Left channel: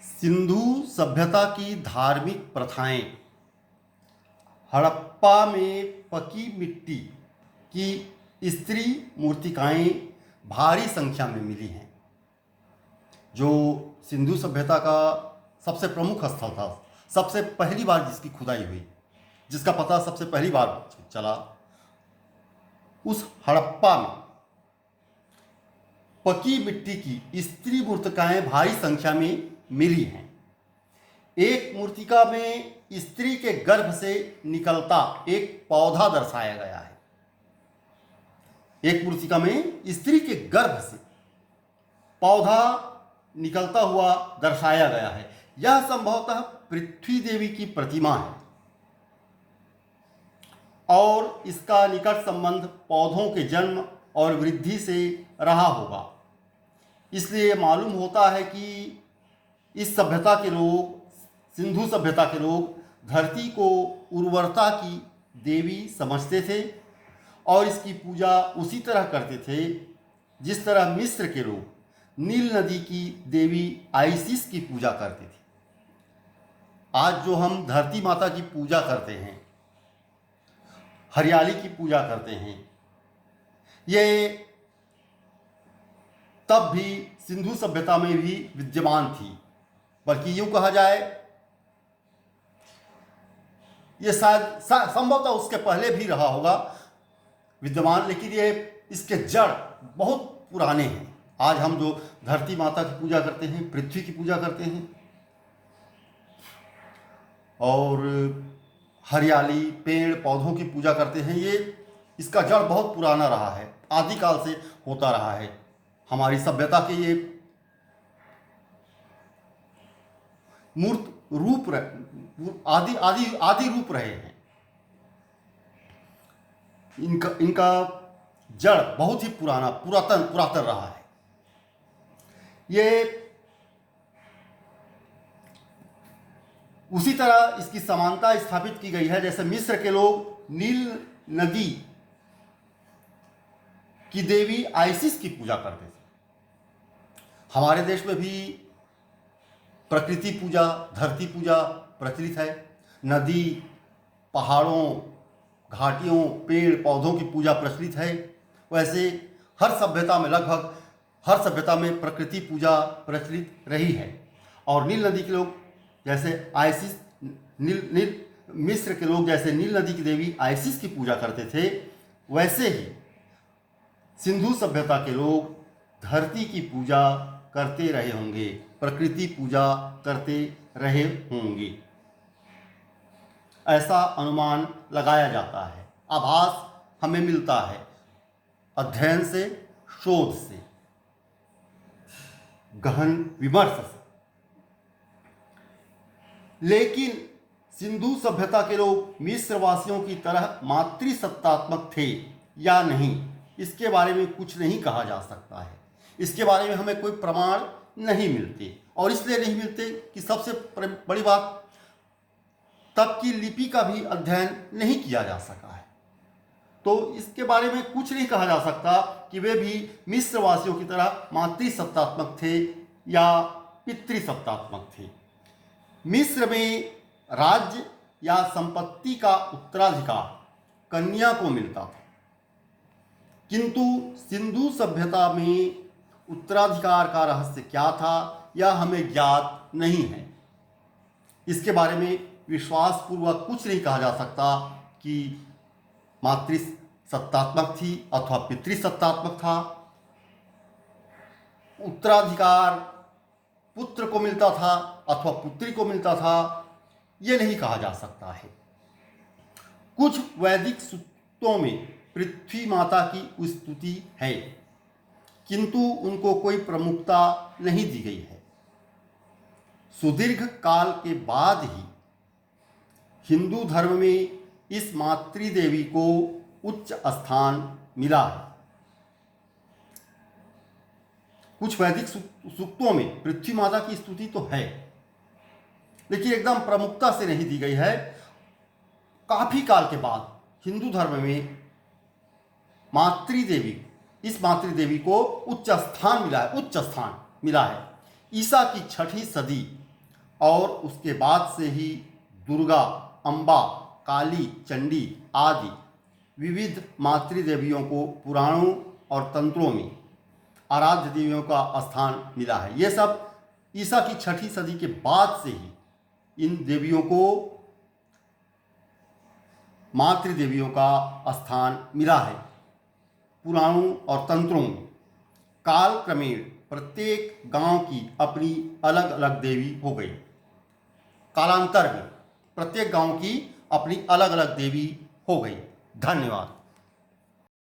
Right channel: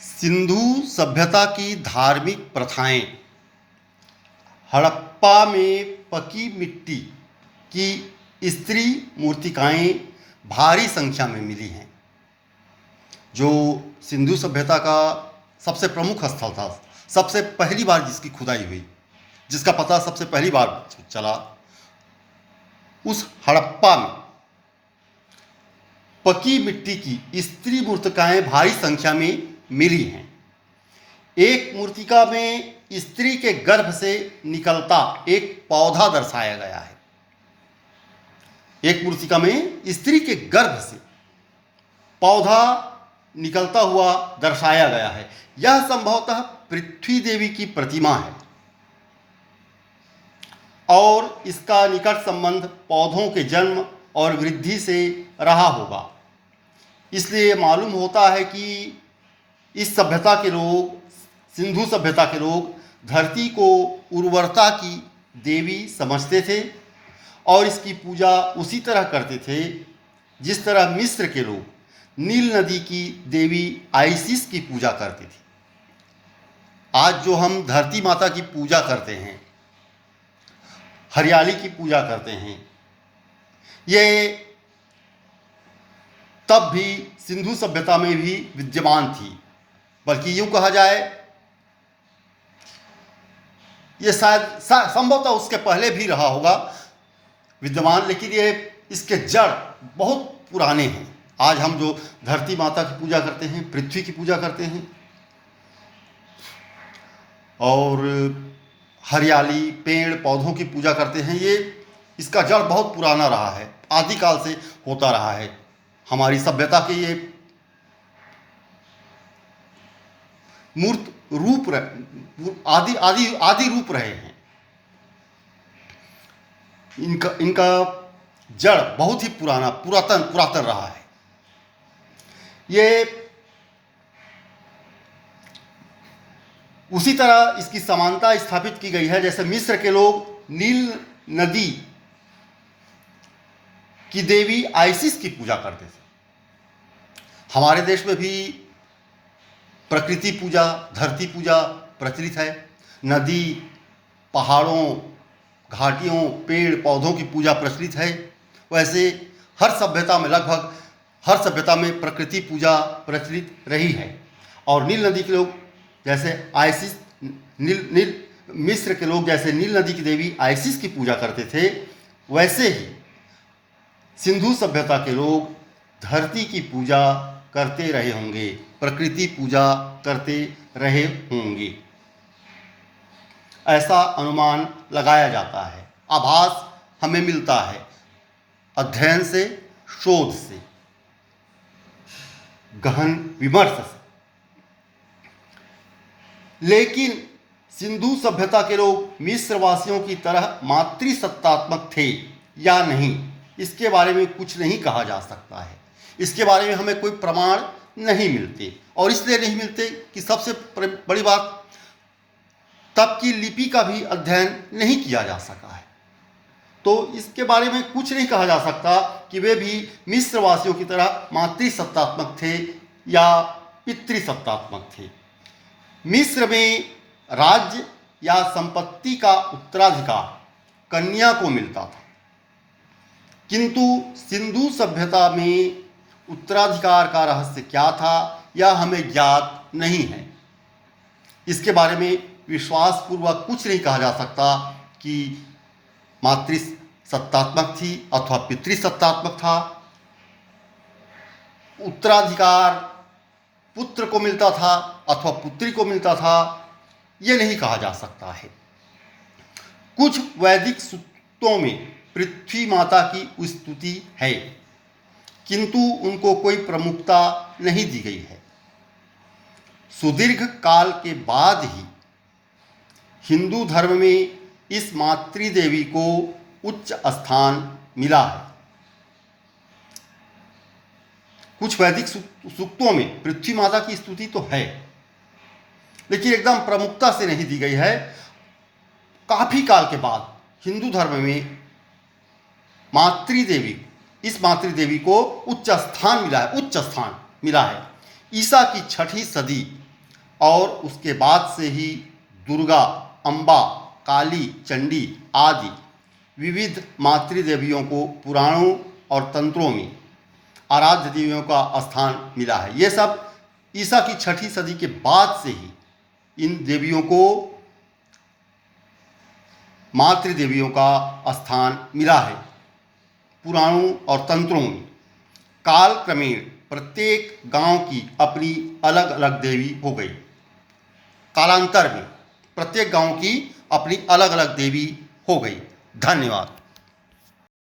सिंधु सभ्यता की धार्मिक प्रथाएं हड़प्पा में पकी मिट्टी की स्त्री मूर्तिकाएं भारी संख्या में मिली हैं, जो सिंधु सभ्यता का सबसे प्रमुख स्थल था। सबसे पहली बार जिसकी खुदाई हुई, जिसका पता सबसे पहली बार चला, उस हड़प्पा में पकी मिट्टी की स्त्री मूर्तिकाएं भारी संख्या में मिली हैं। एक मूर्तिका में स्त्री के गर्भ से निकलता एक पौधा दर्शाया गया है। एक मूर्तिका में स्त्री के गर्भ से पौधा निकलता हुआ दर्शाया गया है। यह संभवतः पृथ्वी देवी की प्रतिमा है और इसका निकट संबंध पौधों के जन्म और वृद्धि से रहा होगा। इसलिए मालूम होता है कि इस सभ्यता के लोग, सिंधु सभ्यता के लोग, धरती को उर्वरता की देवी समझते थे और इसकी पूजा उसी तरह करते थे जिस तरह मिस्र के लोग नील नदी की देवी आइसिस की पूजा करते थे। आज जो हम धरती माता की पूजा करते हैं, हरियाली की पूजा करते हैं, ये तब भी सिंधु सभ्यता में भी विद्यमान थी। बल्कि यूँ कहा जाए, ये शायद संभवतः उसके पहले भी रहा होगा विद्यमान, लेकिन ये इसके जड़ बहुत पुराने हैं। आज हम जो धरती माता की पूजा करते हैं, पृथ्वी की पूजा करते हैं और हरियाली, पेड़ पौधों की पूजा करते हैं, ये इसका जड़ बहुत पुराना रहा है, आदिकाल से होता रहा है। हमारी सभ्यता के ये मूर्त रूप आदि आदि आदि रूप रहे हैं। इनका जड़ बहुत ही पुरातन रहा है। ये उसी तरह इसकी समानता स्थापित की गई है जैसे मिस्र के लोग नील नदी की देवी आइसिस की पूजा करते थे। हमारे देश में भी प्रकृति पूजा, धरती पूजा प्रचलित है। नदी, पहाड़ों, घाटियों, पेड़ पौधों की पूजा प्रचलित है। वैसे हर सभ्यता में, लगभग हर सभ्यता में प्रकृति पूजा प्रचलित रही है। और नील नदी के लोग जैसे आइसिस, मिस्र के लोग जैसे नील नदी की देवी आइसिस की पूजा करते थे, वैसे ही सिंधु सभ्यता के लोग धरती की पूजा करते रहे होंगे, प्रकृति पूजा करते रहे होंगे, ऐसा अनुमान लगाया जाता है। आभास हमें मिलता है अध्ययन से, शोध से, गहन विमर्श से। लेकिन सिंधु सभ्यता के लोग मिस्र वासियों की तरह मातृसत्तात्मक थे या नहीं, इसके बारे में कुछ नहीं कहा जा सकता है। इसके बारे में हमें कोई प्रमाण नहीं मिलते, और इसलिए नहीं मिलते कि सबसे बड़ी बात, तब की लिपि का भी अध्ययन नहीं किया जा सका है। तो इसके बारे में कुछ नहीं कहा जा सकता कि वे भी मिस्र वासियों की तरह मातृसत्तात्मक थे या पितृसत्तात्मक थे। मिस्र में राज्य या संपत्ति का उत्तराधिकार कन्या को मिलता था, किंतु सिंधु सभ्यता में उत्तराधिकार का रहस्य क्या था यह हमें ज्ञात नहीं है। इसके बारे में विश्वासपूर्वक कुछ नहीं कहा जा सकता कि मातृसत्तात्मक थी अथवा पितृसत्तात्मक था। उत्तराधिकार पुत्र को मिलता था अथवा पुत्री को मिलता था, ये नहीं कहा जा सकता है। कुछ वैदिक सूक्तों में पृथ्वी माता की स्तुति है, किंतु उनको कोई प्रमुखता नहीं दी गई है। सुदीर्घ काल के बाद ही हिंदू धर्म में इस मातृदेवी को उच्च स्थान मिला है। कुछ वैदिक सूक्तों में पृथ्वी माता की स्तुति तो है, लेकिन एकदम प्रमुखता से नहीं दी गई है। काफी काल के बाद हिंदू धर्म में मातृदेवी इस मातृदेवी को उच्च स्थान मिला है, उच्च स्थान मिला है। ईसा की 6वीं सदी और उसके बाद से ही दुर्गा, अम्बा, काली, चंडी आदि विविध मातृदेवियों को पुराणों और तंत्रों में आराध्य देवियों का स्थान मिला है। ये सब ईसा की 6वीं सदी के बाद से ही इन देवियों को मातृदेवियों का स्थान मिला है पुराणों और तंत्रों में। काल क्रमेण प्रत्येक गांव की अपनी अलग अलग देवी हो गई। कालांतर में प्रत्येक गांव की अपनी अलग अलग देवी हो गई। धन्यवाद।